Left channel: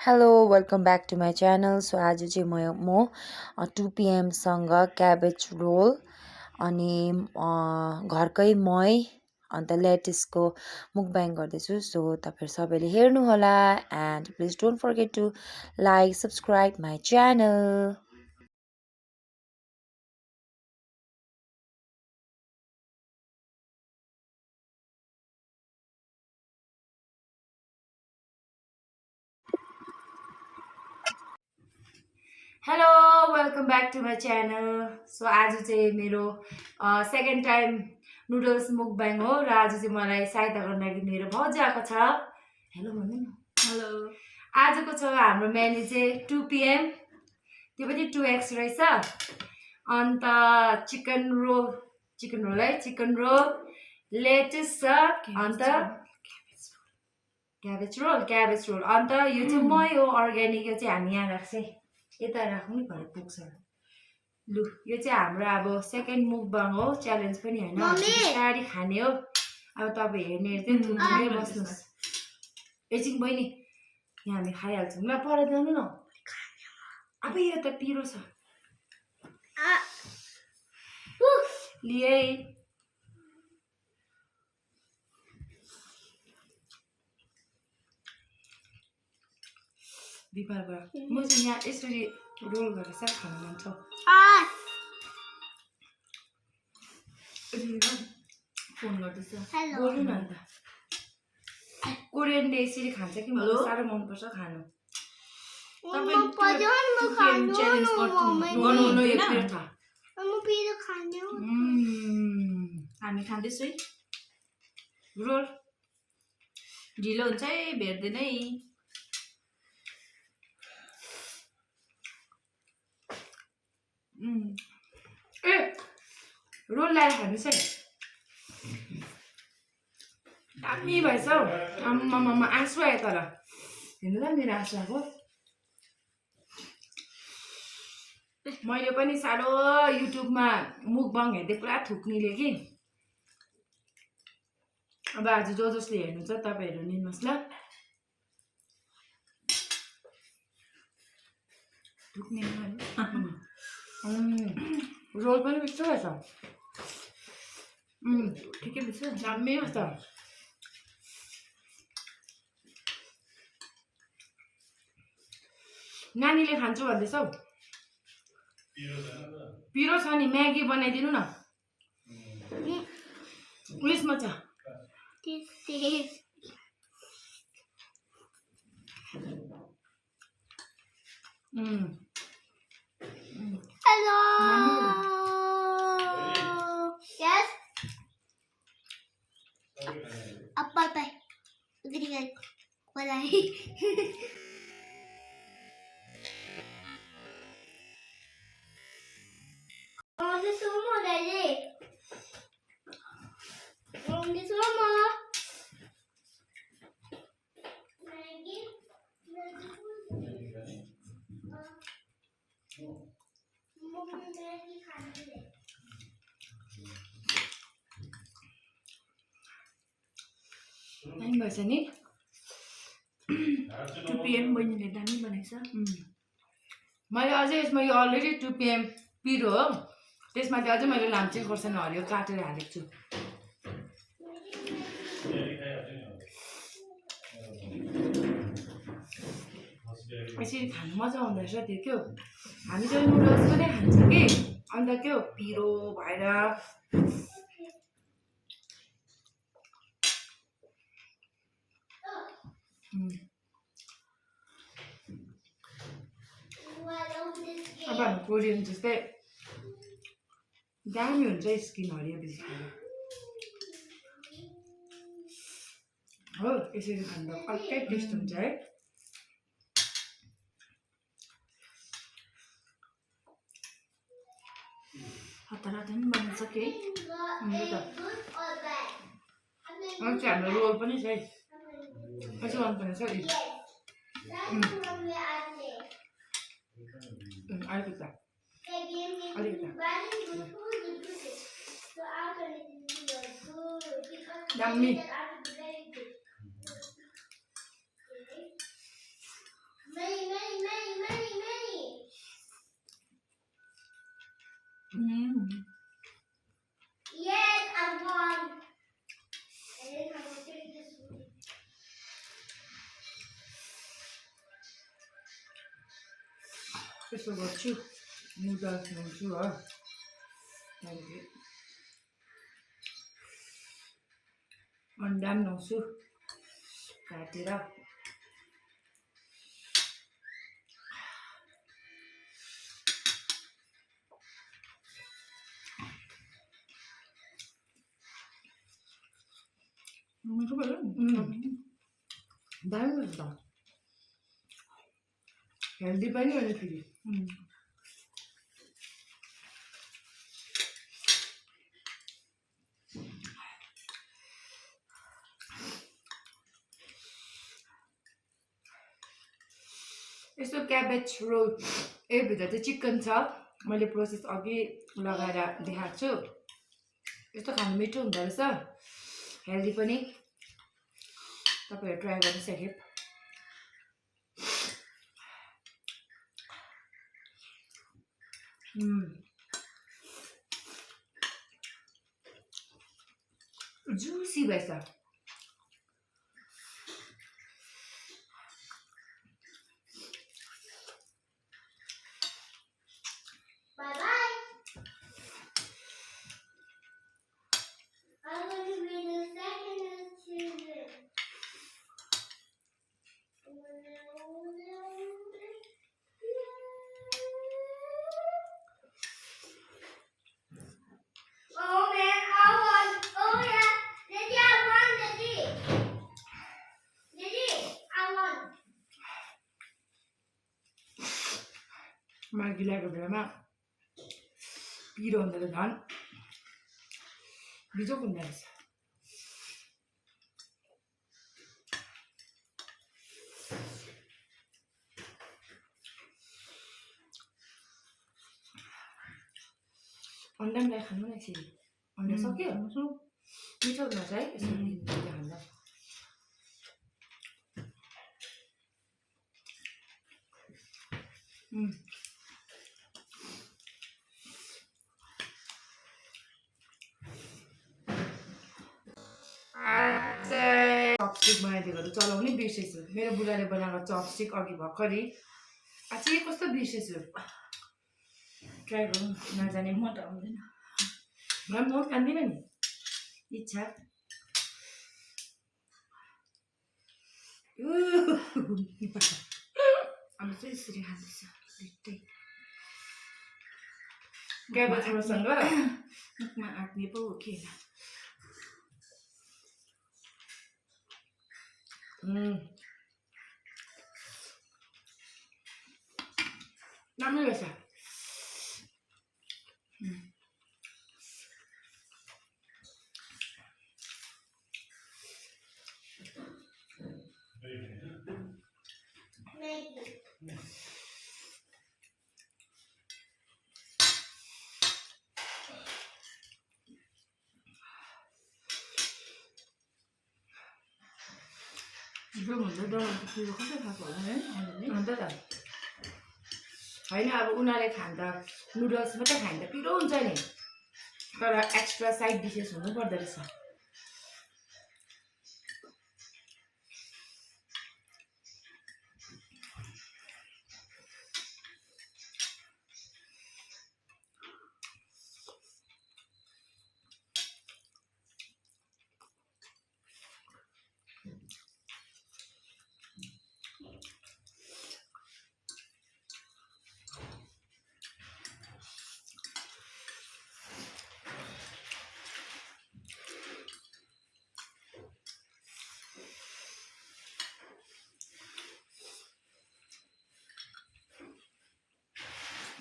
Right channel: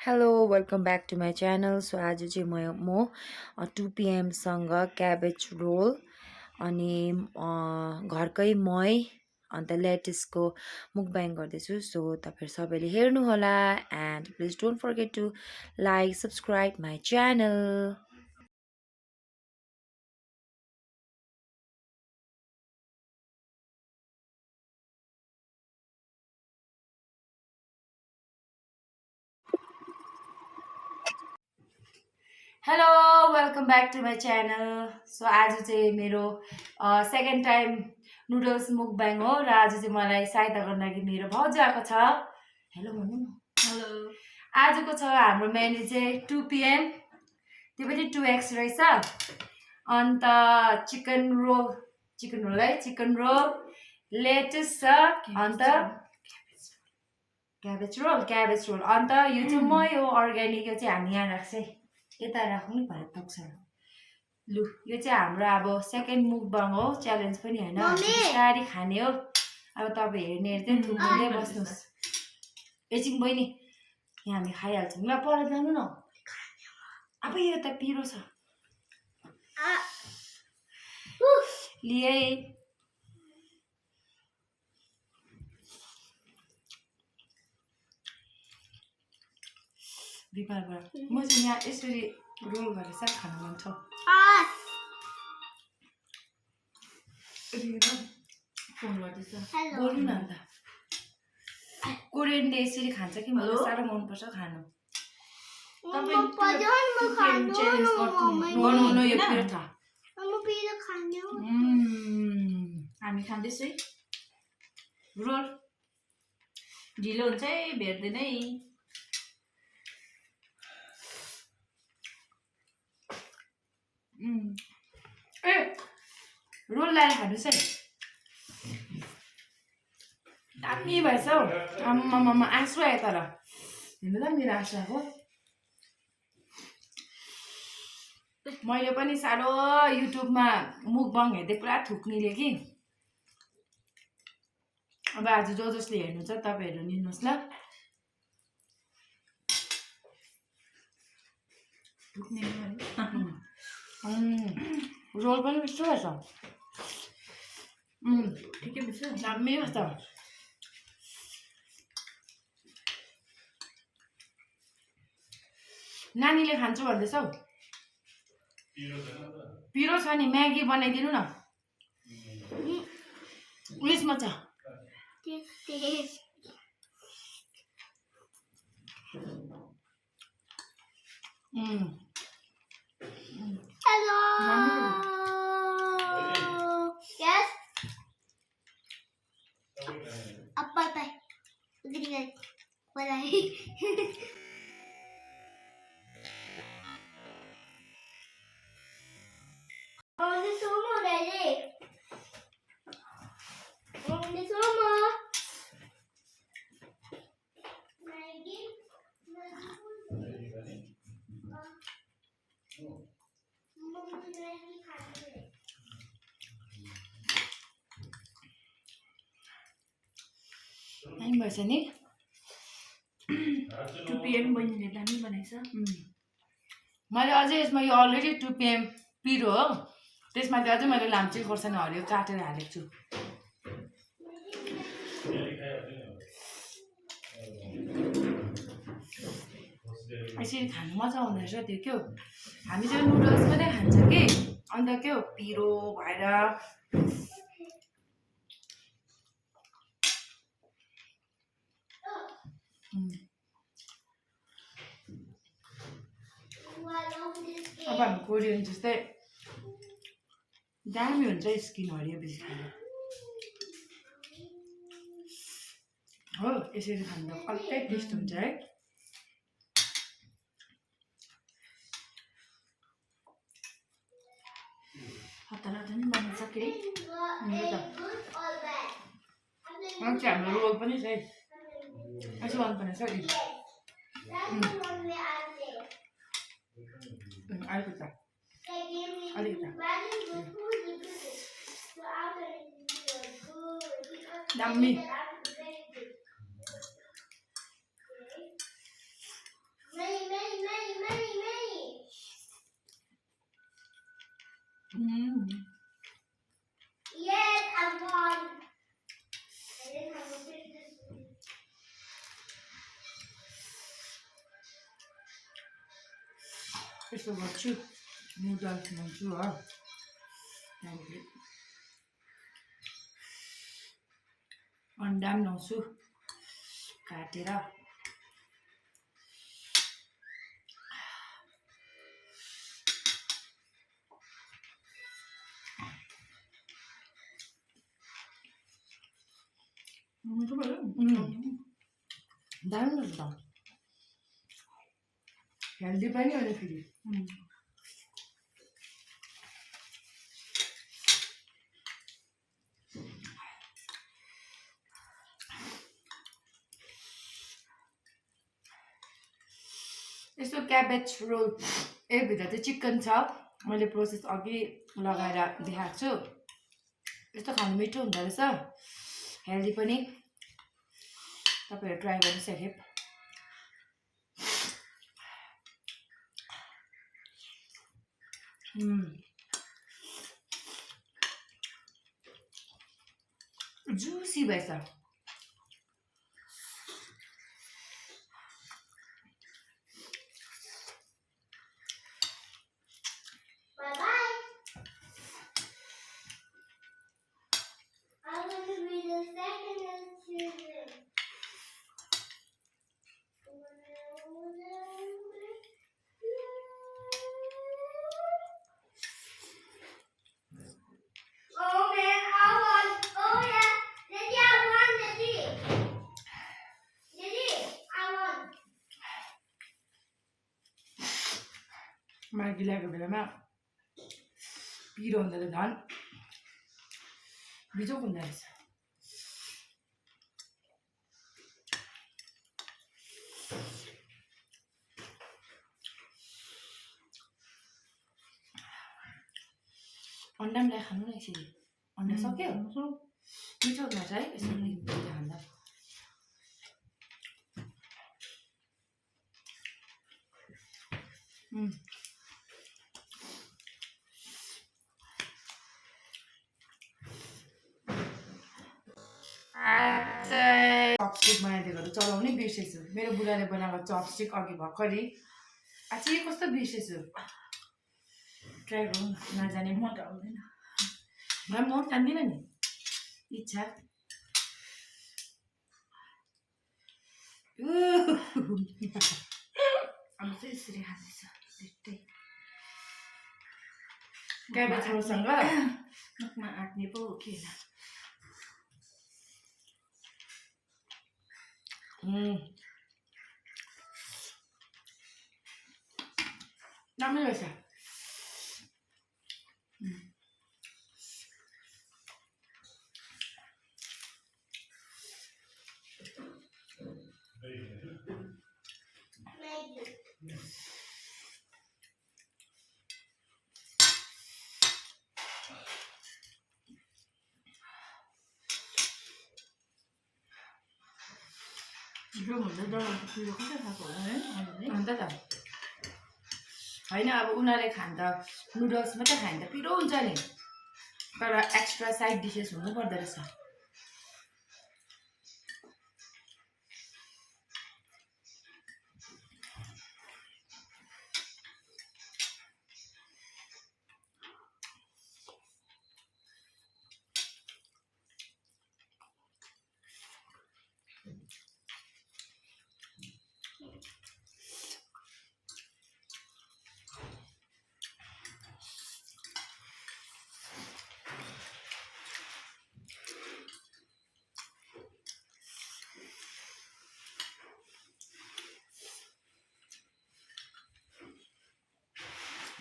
Hello, welcome back to my channel. So आज चाहिँ म 2 सँग क्याबेज रोल अनि घरकै मही अन्त लेटेस्टको मुकब्याङ गर्दैछु. सो तपाईहरु सबैले हेर्नु होला and please don't forget to like subscribe my channel. Hello welcome back to my channel. So आज चाहिँ मेरो सेकेन्ड टाइम नुडल्स मुकब्याङ हो र आज चाहिँ मलाई सहायता गर्न लागि मेरो भाउजू आएको छ. हेलो भन्नु न. हेलो. आजको छ हाम्रो मेन्यु चाहिँ 2 PM, त्यो पनि 2x रहेछ. अन्त चिकन रोल है, चिकन रोल लेटेस छ. अन्त क्याबेज रोल अन्त यो चाहिँ म यो अर्ग्यानिक यो चाहिँ हामी यहाँ राख्छ है, यता राख्नु नि भरे पुग्छ. लु यो चाहिँ हाम्रो अब सेकेन्ड मुकबाङ हो, च्यालेन्ज पनि हैन, बिस्तारै खाने हो. अब तपाईँ हेर्ने चाहिँ थुप्रै बस्नुहोस्. एकछिन बहिनी यहाँ हामी खाइहाल्छौँ ल, पर जानु न. अब यो त पिरो छ लिए. बिपारबाट म चाहिँ यहाँ यसरी रोल गरेर चाहिँ खान मन छ. फोन गर्दैछ, बोल्नु न अन्त. कोरियनले यसरी खान्छ कि मलाई साह्रो मनपर्छ खानु. हामी खाँदैछु है रोल. ढिलो हुन्छ है, भेट्दैन है. ए रोल ल्याएर खानुहोस् है. दामी भएछ हौ. आम्मामा आँसु आयो तर. हेर्नु त मेरो आँसु आएको. मैले पनि साह्रो युट्युबमा मुकबाङ हेर्दै पुरा थुक्नेले कि. अब आज जसले हेर्नु छ तपाईँहरू लिनुहोस् ल. रोल पनि मिठो रहेछ. ठिकै मिठो, दामी रहेछ. नानीले खान्छु भन्दैछ हौ. पिरो छ नि, म्यागी बनाइदिनु न. उयसमा छ. Hello. Yes. Apa tay? Ganyan. Wala. Oh, this sumo daddy. Oh, this sumo. Maggie. Time भएछ नि. 2 PM बहिनीले दामी बनाएछ. मैले अझै यसमा यो अलरेडी 2 PM पिरो हो, त्यसमा चाहिँ अझै मैले लाम्चे खोर्सानी हरियो काटेर हालेको छु. यसरी खानु मजा आउँदो रहेछ. त्यो के हो, हामी चाहिँ नुडल्स पनि खान्छ कि, अन्त के हो पिरो भएर. अब हामी कोरियन जस्तै दामी हुन्छ स्किन हरियो बेसी खानु हो. यसरी खाँदा अर्कै टेस्ट हुन्छ है. हतार पनि बनाइसके है. हाम्रो रोल पनि छ है. यसो गर्नुपर्ने छ नि. अलिकति दामी. यसो गर्छु नुडल्स नुन्छु हो त्यहाँदेखि अन्डा पनि नुहाउँछु काटेर मिठो भयो दामी रहेछ त हेल्दी पनि हो नि फेरि यस्तो क्याबेज रोल भित्र चाहिँ चिकन छ मैले प्रोसेस अघि लगाएर देखाएको छु यस्तो खानु मिठो हुँदो रहेछ हेल्दी पनि तपाईँहरू ट्राई गर्नुहोस् एकखेप जुसी भएछ Bye bye. I'm going to read the second children. Oh man, I won. Oh yeah. Daddy, I won, Daddy. Daddy, I won. मागी ल्याएको बेलामा पिरो हुँदा त झन् बिजोक हुँदो रहेछ अन्डा पनि खानु न यसरी अन्डा सक्यो मिठो हुँदो रहेछ है यसरी खाँदा चपस्टिक बनाइदिएको त चलाउनै बिर्सेछु मेरो बुढाले बनाएको चपस्टिक अघि भर्खरै अझै कस्तो बिर्सेछु ट्राई गरौँ नजाने म त आउँदैन म जान्दिनँ नि इच्छा अब चाहिँ यसरी खाँदैछ दुइटै क्याबेज रोलसँग मुखमा आँट्ने पो हो कि राम्रो रहेछ जो भन्दा डराउँछ पिरो कसरी खाएको होला है अन्त त होइन अब उनीहरूले खाँदा नुडल्स मात्रै खाँदा पिरो हुन्छ नि तर एक्स्ट्रा साइड डिसेस हुनु पर्दो रहेछ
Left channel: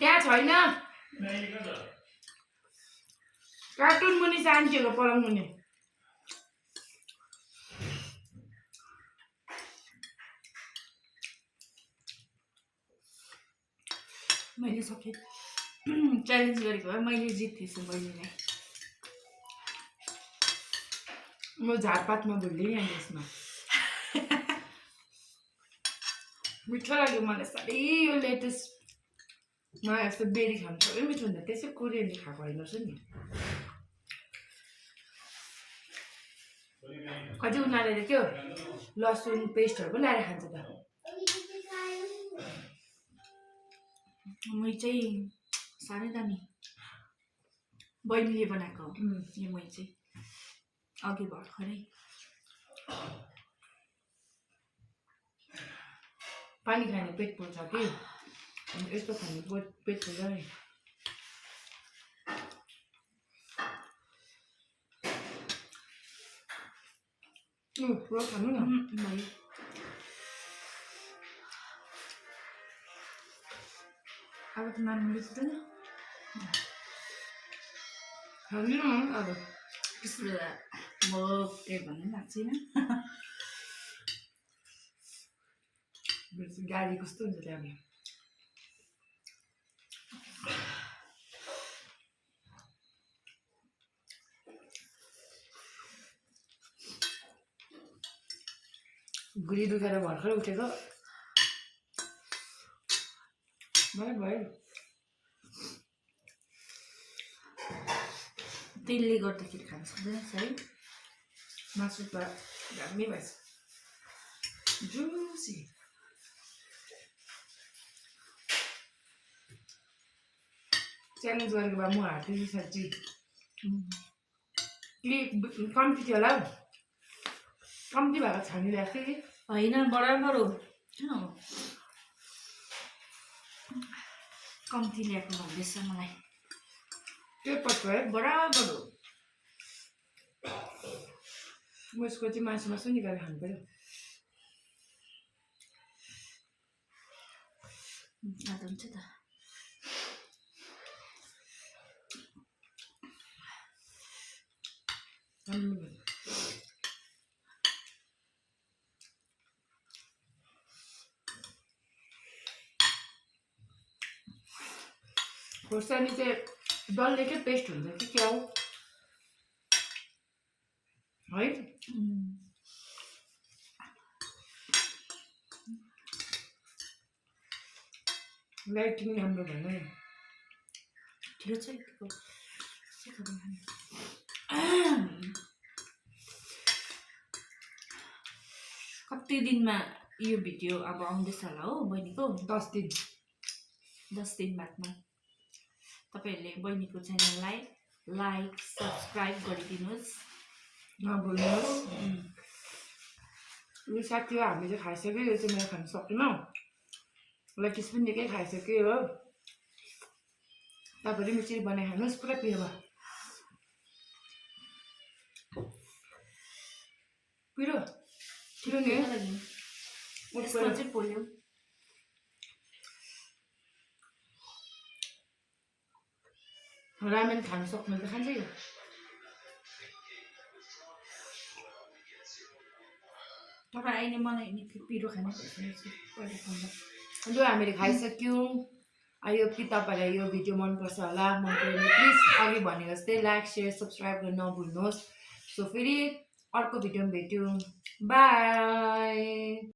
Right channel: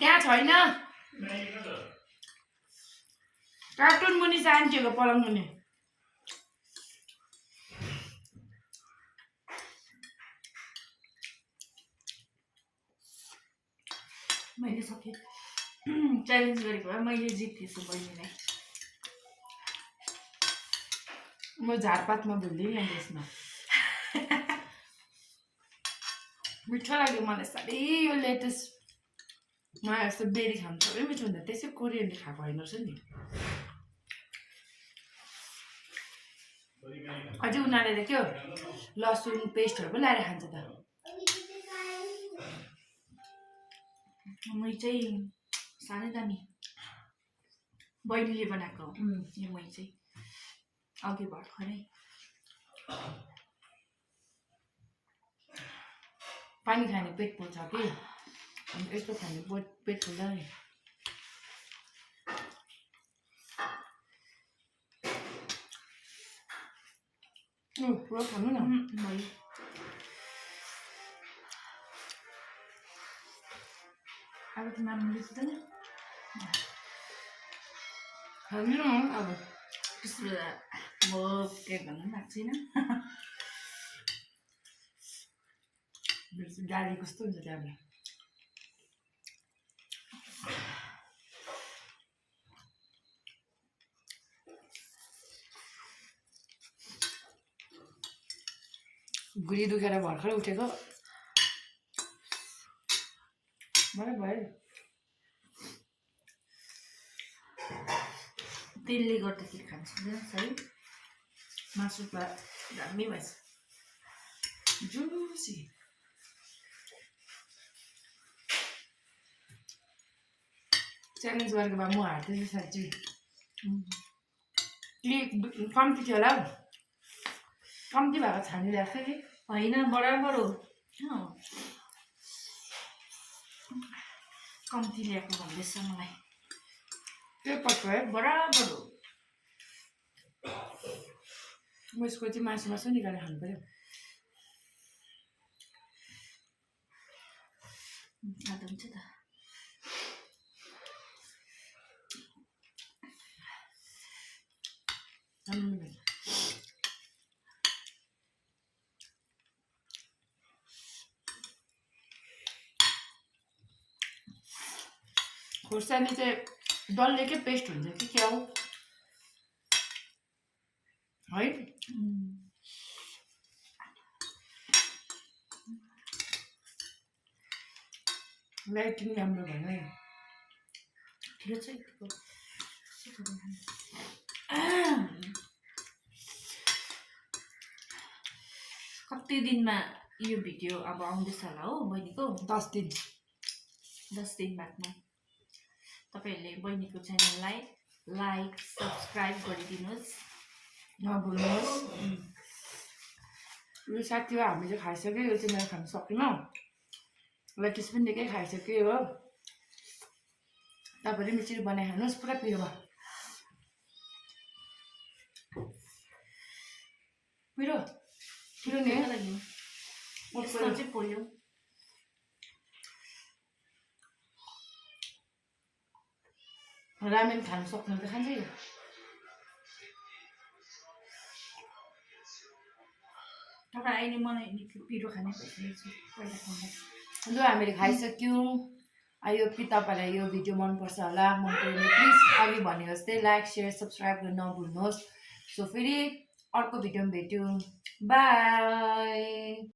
त्यहाँ छैन कार्टुन मुनि सान्चेको पलङ मुनि मैले सकेँ च्यालेन्ज गरेको भए मैले जित्दैछु बहिनीलाई म झारपातमा भुल्दिनँ नि यसमा मिठो लाग्यो मलाई साह्रै यो लेटेस्टमा यस्तो बेरी खानु साह्रै मिठो हुन्छ त्यसै कोरियनले खाएको होइन रहेछ नि अझै उनीहरूले त के हो लसुन पेस्टहरू पनि लगाएर खान्छ त मै चाहिँ साह्रै दामी बहिनीले बनाएको यो मै चाहिँ अघि भर्खरै पानी खाने पेट पोल्छ कि अनि यस्तो खाने पेट पोल्दैन पुरो खानु न भयो अब त नाम बिर्दैन खानु न अब त्यस्तो बेला म केही भन्नु लाग्छ छैन गाडी कस्तो हुन्छ त्यहाँबाट गुडी दुखेर भर्खर उठेको भयो तेलले गर्दाखेरि खान सक्दैन है मासु त दामी भएछ जुसी च्यालेन्ज गरेको भए म हार्दैछु साँच्ची कम्ती थियो होला हौ कम्ती भएको छानिरहेको थियो कि होइन बराबर हो कम्ती ल्याएको भन्दैछ मलाई त्यो पक्का है बराबर हो म यसको चाहिँ मासु निकालेर खानु पऱ्यो खाँदा हुन्छ त खोर्सानी चाहिँ डल्ले के पेस्ट हुन्छ कि क्या हो है लाइट पनि राम्रो भएन है ठिक छ कति दिनमा यो भिडियो अब आउँदैछ होला हो बहिनीको 10 दिन 10 दिन बादमा तपाईहरुले बहिनीको च्यानललाई लाइक सब्स्क्राइब गरिदिनुस् नभुल्नुहोस् यो साथी हो हामीले खाइसक्यो यो चाहिँ मैले खान सकिनँ लेटिस पनि निकै खाइसक्यो हो तपाईहरु मिचरी बनाइ खानुहोस् पुरा पिरो भयो पिरो पिरो नि लागि यस्तो चाहिँ पोल्यो रामेन खान सक्नु त खान्छ यो तपाईँ अहिले मलाई निकै पिरो खाने भइसकेको छु पहिला खाँदा लु हामीले खाइसक्यौँ यो तपाईँहरूलाई यो भिडियो मनपर्छ होला मन पऱ्यो भने प्लिज अघि भने जस्तै लाइक सेयर सब्सक्राइब गर्न नभुल्नुहोस् सो फेरि अर्को भिडियोमा भेट्यौँ बाई